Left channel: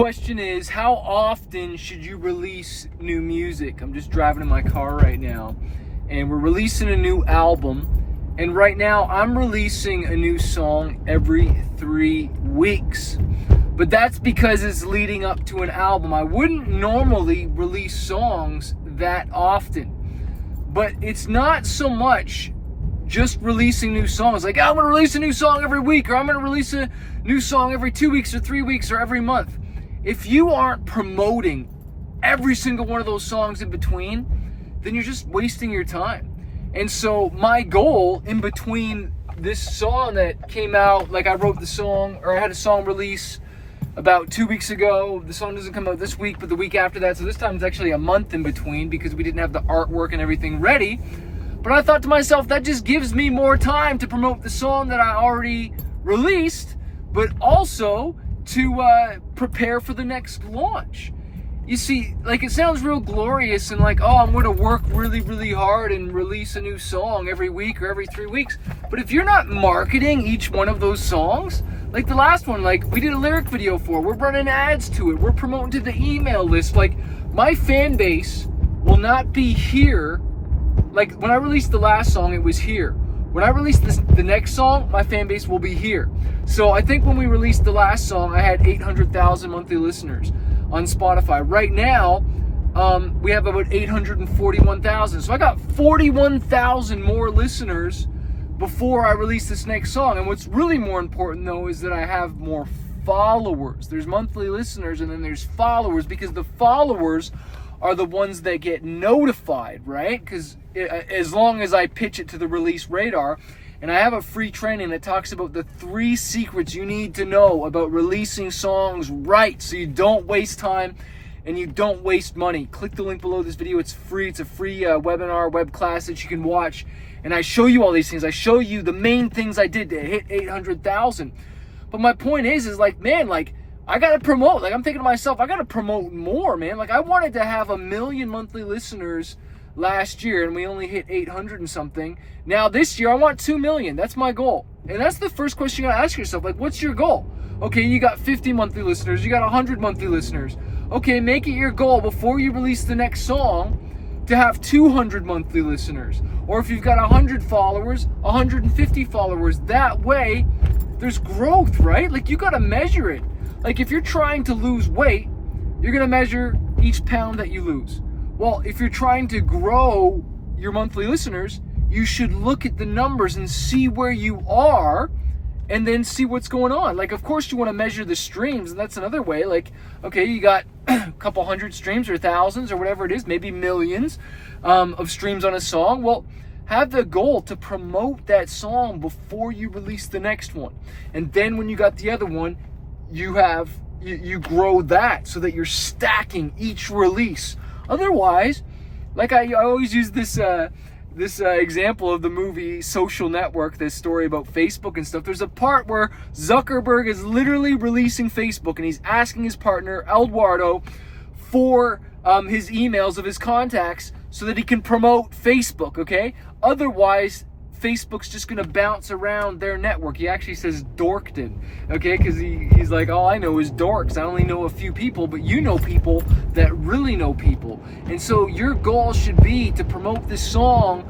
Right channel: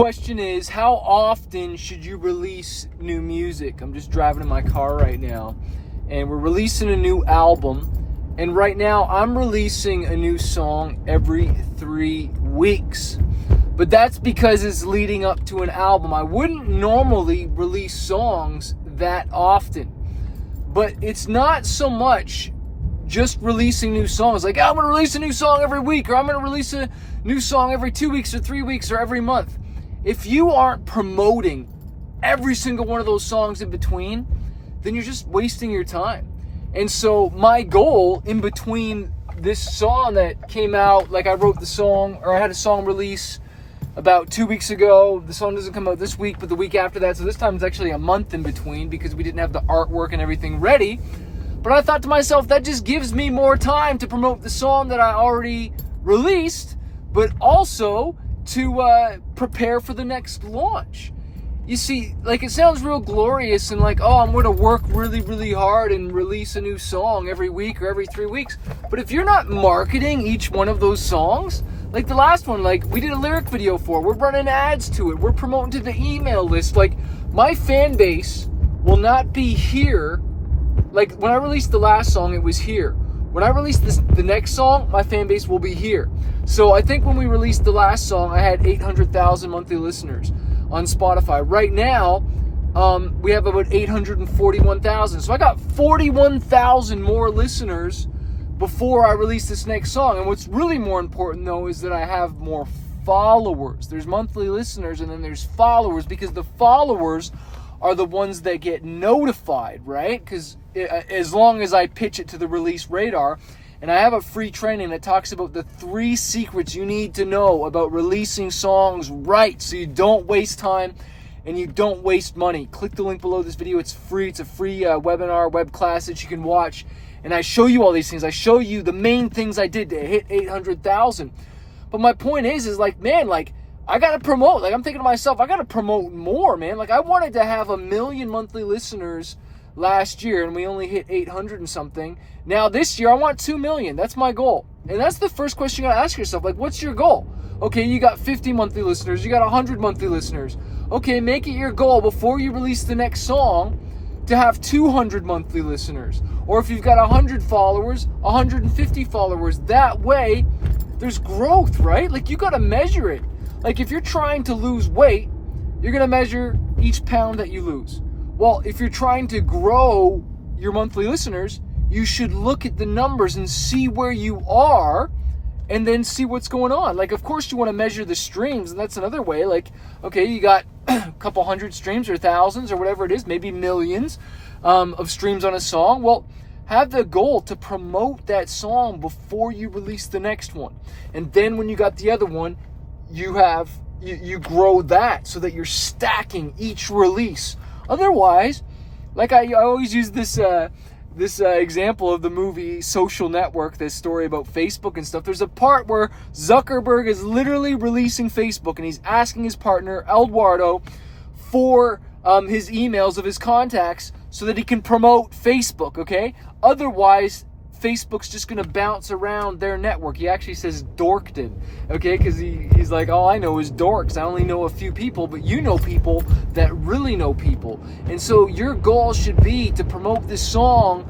question is, how often should you release new music? I'm just driving in my car right now, and we're releasing a new album. And right now, I'm releasing a new song every 3 weeks. But that's because it's leading up to an album. I wouldn't normally release songs that often. But it's not so much just releasing new songs. Like, I'm going to release a new song every week, or I'm going to release a new song every 2 weeks or 3 weeks or every month. If you aren't promoting every single one of those songs in between, then you're just wasting your time. And so my goal in between this song that came out, like I wrote the song, or I had a song release about 2 weeks ago. The song doesn't come out this week, but the week after that. So this time it's actually a month in between because we didn't have the artwork and everything ready. But I thought to myself, that just gives me more time to promote the song that I already released, but also to prepare for the next launch. You see, like, it sounds real glorious and like, oh, I'm going to work really, really hard and release a new song every week or every 3 weeks. But if you're not marketing each one of those songs, like the last one, like we did a lyric video for, we're running ads to it, we're promoting to the email list. Like, my fan base will not be here. Like, when I released the last song, it was here. When I release the next song, my fan base will be here. So I think when we released the last song, I had 800,000 monthly listeners on Spotify. Right now, we have about 841,000. So I got 41,000 more listeners before I release this next song. And what's really more important, though, is that I have more followers. There's monthly listeners and then there's followers, because the followers are the ones that get notified, right? Because as long as I pitch it to the release radar, and I have a free training that talks about the 3 secrets you need to know about releasing songs right, so you don't waste time and you don't waste money. Click the link below this video. It's free. It's a free webinar, web class that you can watch. And I show you all these things. I show you the main things I did to hit 800,000. But my point is like, man, like, I got to promote. Like, I'm thinking to myself, I got to promote more, man. Like, I wanted to have 1 million monthly listeners last year, and we only hit 800 and something. Now, this year, I want 2 million. That's my goal. And that's the first question you got to ask yourself. Like, what's your goal? Okay, you got 50 monthly listeners. You got 100 monthly listeners. Okay, make it your goal before you release the next song to have 200 monthly listeners. Or if you've got 100 followers, 150 followers. That way, there's growth, right? Like, you got to measure it. Like, if you're trying to lose weight, you're going to measure each pound that you lose. Well, if you're trying to grow your monthly listeners, you should look at the numbers and see where you are and then see what's going on. Like, of course, you want to measure the streams, and that's another way. Like, okay, you got a couple hundred streams or thousands or whatever it is, maybe millions of streams on a song. Well, have the goal to promote that song before you release the next one. And then when you got the other one, you grow that so that you're stacking each release. Otherwise, like I always use this example of the movie Social Network, this story about Facebook and stuff. There's a part where Zuckerberg is literally releasing Facebook, and he's asking his partner, Eduardo, for his emails of his contacts so that he can promote Facebook, okay? Otherwise, Facebook's just going to bounce around their network. He actually says Dorkton, okay? Because he's like, all I know is dorks. I only know a few people, but you know people that really know people. And so your goal should be to promote this song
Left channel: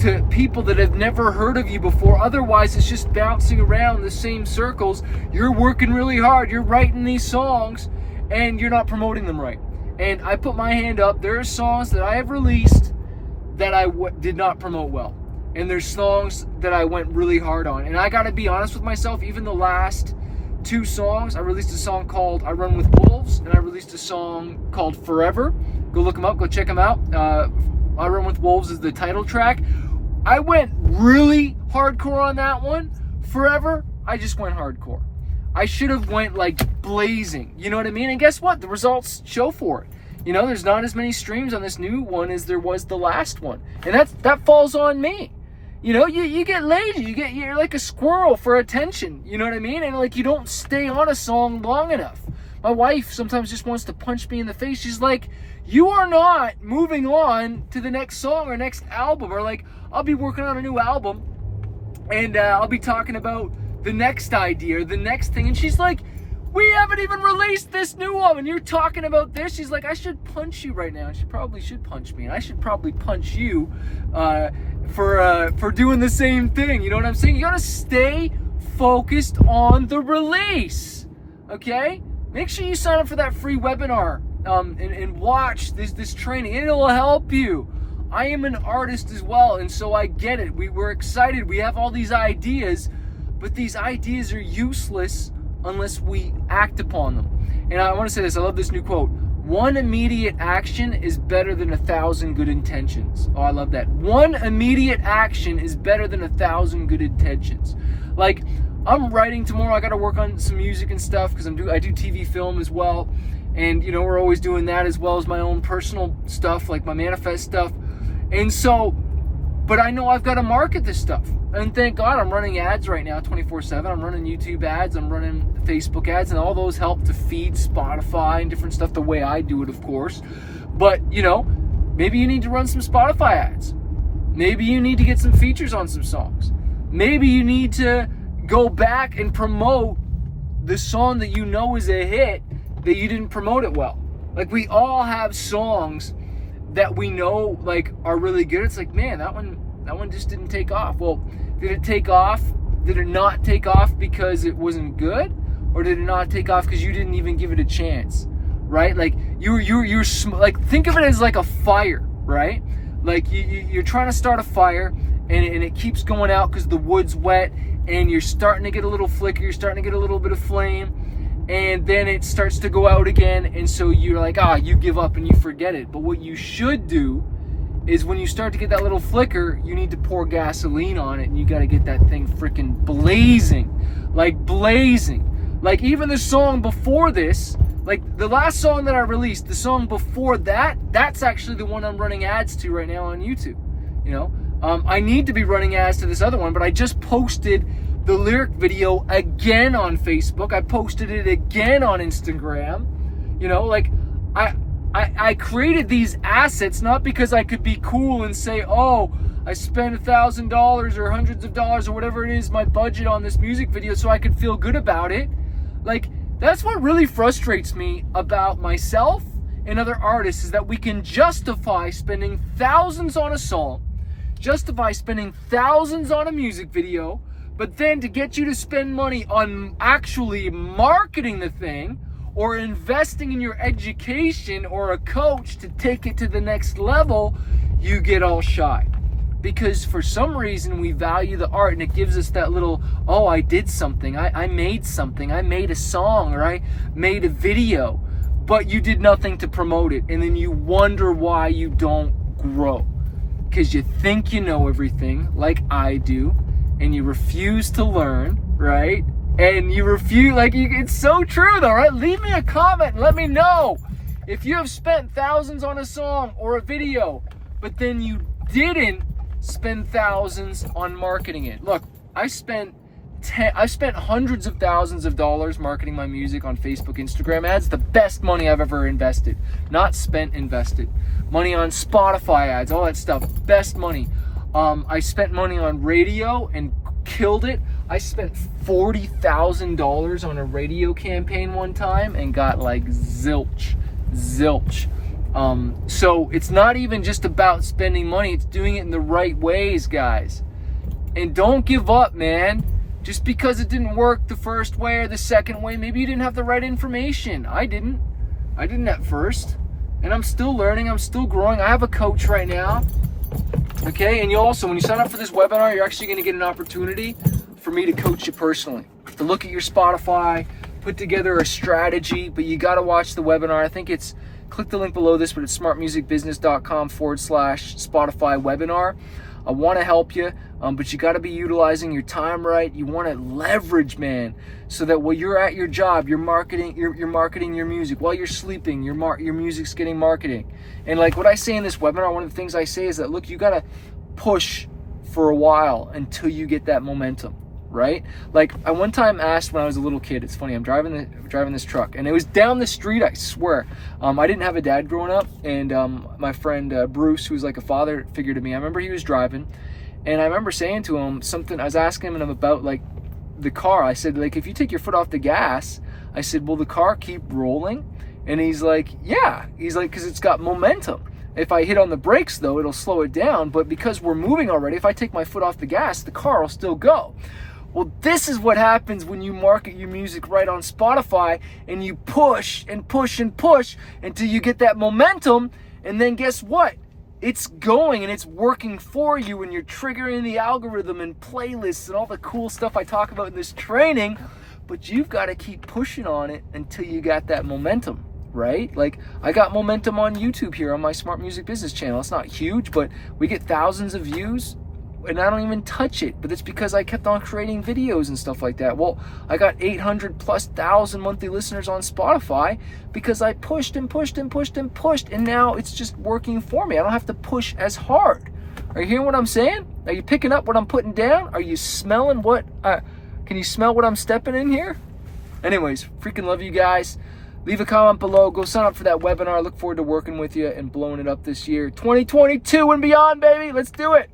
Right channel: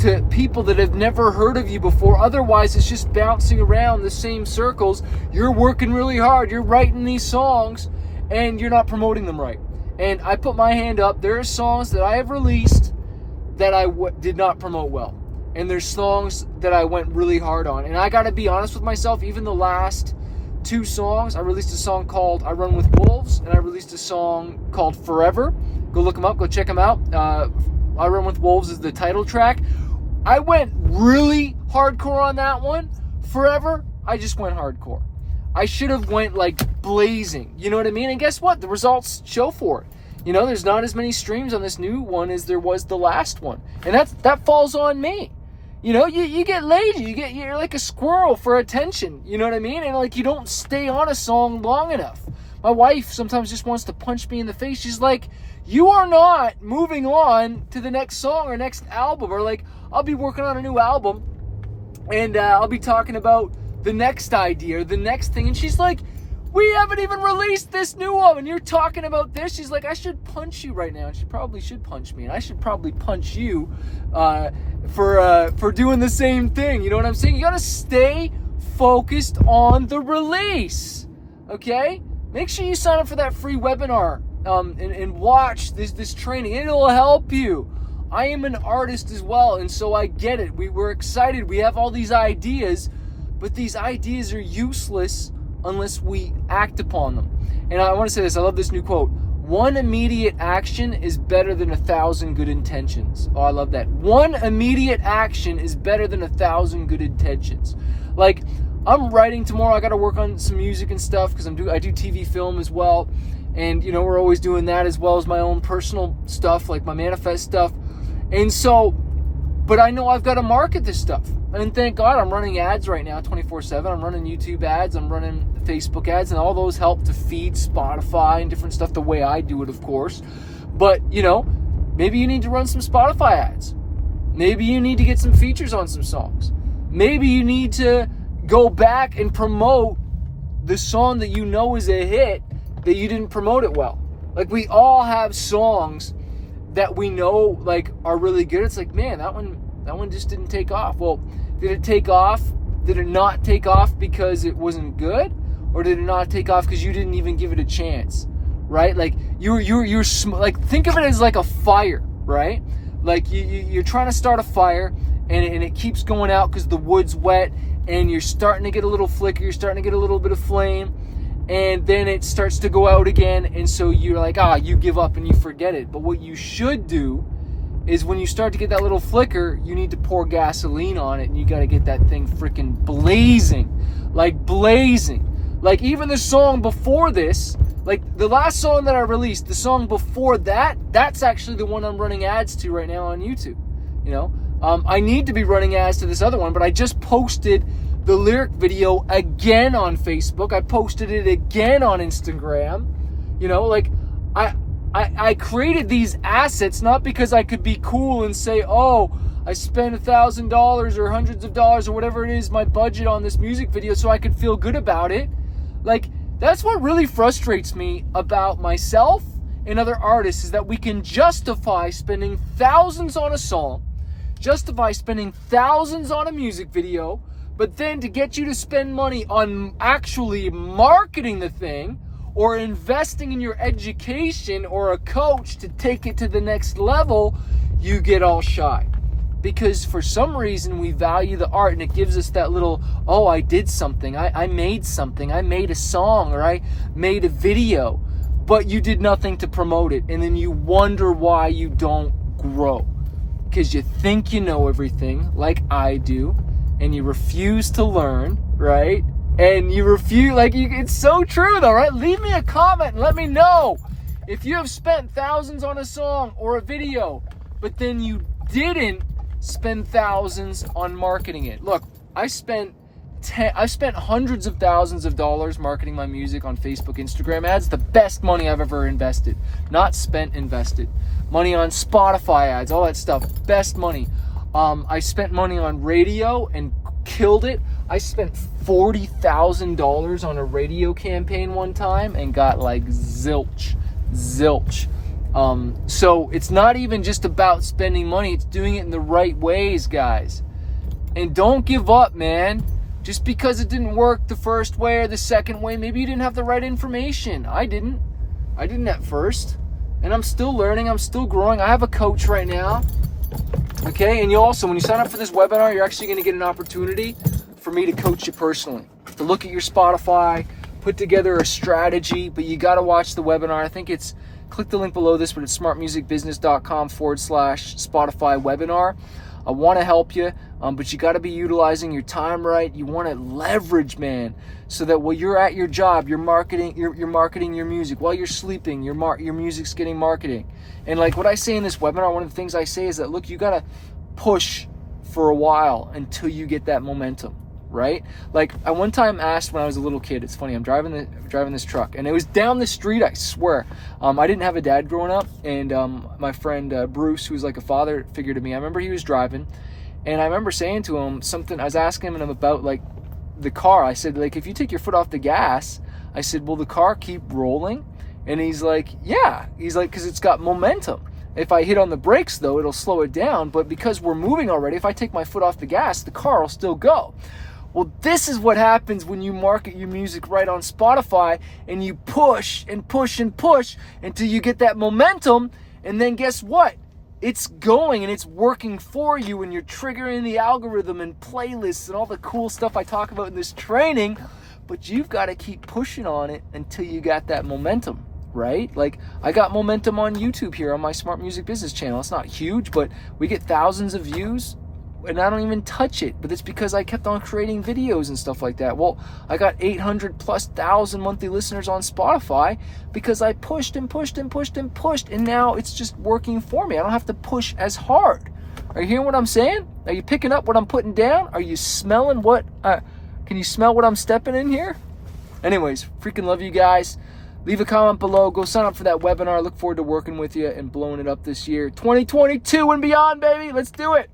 to people that have never heard of you before. Otherwise, it's just bouncing around the same circles. You're working really hard. You're writing these songs, and you're not promoting them right. And I put my hand up. There are songs that I have released that I did not promote well. And there's songs that I went really hard on. And I gotta be honest with myself, even the last 2 songs, I released a song called I Run With Wolves, and I released a song called Forever. Go look them up, go check them out. I Run With Wolves is the title track. I went really hardcore on that one. Forever, I just went hardcore. I should have went like blazing, you know what I mean? And guess what? The results show for it. You know, there's not as many streams on this new one as there was the last one. And that falls on me. You know, you get lazy. You're like a squirrel for attention. You know what I mean? And like, you don't stay on a song long enough. My wife sometimes just wants to punch me in the face. She's like, you are not moving on to the next song or next album. Or like, I'll be working on a new album and I'll be talking about the next idea or the next thing. And she's like, We haven't even released this new one, and you're talking about this. She's like, I should punch you right now, and she probably should punch me, and I should probably punch you for doing the same thing. You know what I'm saying? You gotta stay focused on the release, okay? Make sure you sign up for that free webinar and watch this training. It'll help you. I am an artist as well, and so I get it. We're excited. We have all these ideas, but these ideas are useless unless we act upon them. And I want to say this. I love this new quote. One immediate action is better than 1,000 good intentions. Oh, I love that. One immediate action is better than 1,000 good intentions. Like, I'm writing tomorrow. I got to work on some music and stuff because I do TV film as well. And, you know, we're always doing that as well as my own personal stuff, like my manifest stuff. And so, but I know I've got to market this stuff. And thank God I'm running ads right now 24/7. I'm running YouTube ads. I'm running Facebook ads. And all those help to feed Spotify and different stuff the way I do it, of course. But, you know, maybe you need to run some Spotify ads. Maybe you need to get some features on some songs. Maybe you need to go back and promote the song that you know is a hit that you didn't promote it well. Like, we all have songs that we know, like, are really good. It's like, man, that one just didn't take off. Well, did it take off? Did it not take off because it wasn't good? Or did it not take off because you didn't even give it a chance? Right? Like, you're like, think of it as like a fire, right? Like, you're trying to start a fire, and it keeps going out because the wood's wet, and you're starting to get a little flicker, you're starting to get a little bit of flame, and then it starts to go out again, and so you're like, you give up and you forget it. But what you should do is when you start to get that little flicker, you need to pour gasoline on it, and you got to get that thing freaking blazing. Like, even the song before this, like the last song that I released, the song before that, that's actually the one I'm running ads to right now on YouTube. You know, I need to be running ads to this other one, but I just posted the lyric video again on Facebook. I posted it again on Instagram. You know, like, I created these assets not because I could be cool and say, oh, I spent $1,000 or hundreds of dollars or whatever it is, my budget on this music video, so I could feel good about it. Like, that's what really frustrates me about myself and other artists, is that we can justify spending thousands on a song, justify spending thousands on a music video, but then to get you to spend money on actually marketing the thing or investing in your education or a coach to take it to the next level, you get all shy. Because for some reason we value the art, and it gives us that little, oh, I did something, I made something, I made a song, or I made a video, but you did nothing to promote it, and then you wonder why you don't grow. Because you think you know everything, like I do, and you refuse to learn, right? And you refuse, like, it's so true though, right? Leave me a comment and let me know if you have spent thousands on a song or a video, but then you didn't spend thousands on marketing it. Look, I spent hundreds of thousands of dollars marketing my music on Facebook, Instagram ads. The best money I've ever invested. Not spent, invested. Money on Spotify ads, all that stuff. Best money. I spent money on radio and killed it. I spent $40,000 on a radio campaign one time and got like zilch. So it's not even just about spending money, it's doing it in the right ways, guys. And don't give up, man. Just because it didn't work the first way or the second way, maybe you didn't have the right information. I didn't at first. And I'm still learning, I'm still growing. I have a coach right now. Okay, and you also, when you sign up for this webinar, you're actually gonna get an opportunity for me to coach you personally. To look at your Spotify, put together a strategy, but you gotta watch the webinar. I think it's, click the link below this, but it's smartmusicbusiness.com/Spotify webinar. I want to help you, but you got to be utilizing your time right. You want to leverage, man, so that while you're at your job, you're marketing your music. While you're sleeping, your music's getting marketing. And like what I say in this webinar, one of the things I say is that, look, you got to push for a while until you get that momentum. Right? Like, I one time asked when I was a little kid, it's funny, I'm driving this truck, and it was down the street, I swear. I didn't have a dad growing up, and my friend Bruce, who was like a father figure to me, I remember he was driving, and I remember saying to him something, I was asking him about like the car. I said, like, if you take your foot off the gas, I said, will the car keep rolling? And he's like, yeah. He's like, because it's got momentum. If I hit on the brakes, though, it'll slow it down. But because we're moving already, if I take my foot off the gas, the car will still go. Well, this is what happens when you market your music right on Spotify and you push and push and push until you get that momentum. And then guess what? It's going and it's working for you, and you're triggering the algorithm and playlists and all the cool stuff I talk about in this training. But you've got to keep pushing on it until you got that momentum. Right? Like, I got momentum on YouTube here on my Smart Music Business channel. It's not huge, but we get thousands of views and I don't even touch it. But it's because I kept on creating videos and stuff like that. Well, I got 800,000+ monthly listeners on Spotify because I pushed and pushed and pushed and pushed, and now it's just working for me. I don't have to push as hard. Are you hearing what I'm saying? Are you picking up what I'm putting down? Are you smelling what can you smell what I'm stepping in here? Anyways, freaking love you guys. Leave a comment below. Go sign up for that webinar. I look forward to working with you and blowing it up this year. 2022 and beyond, baby. Let's do it.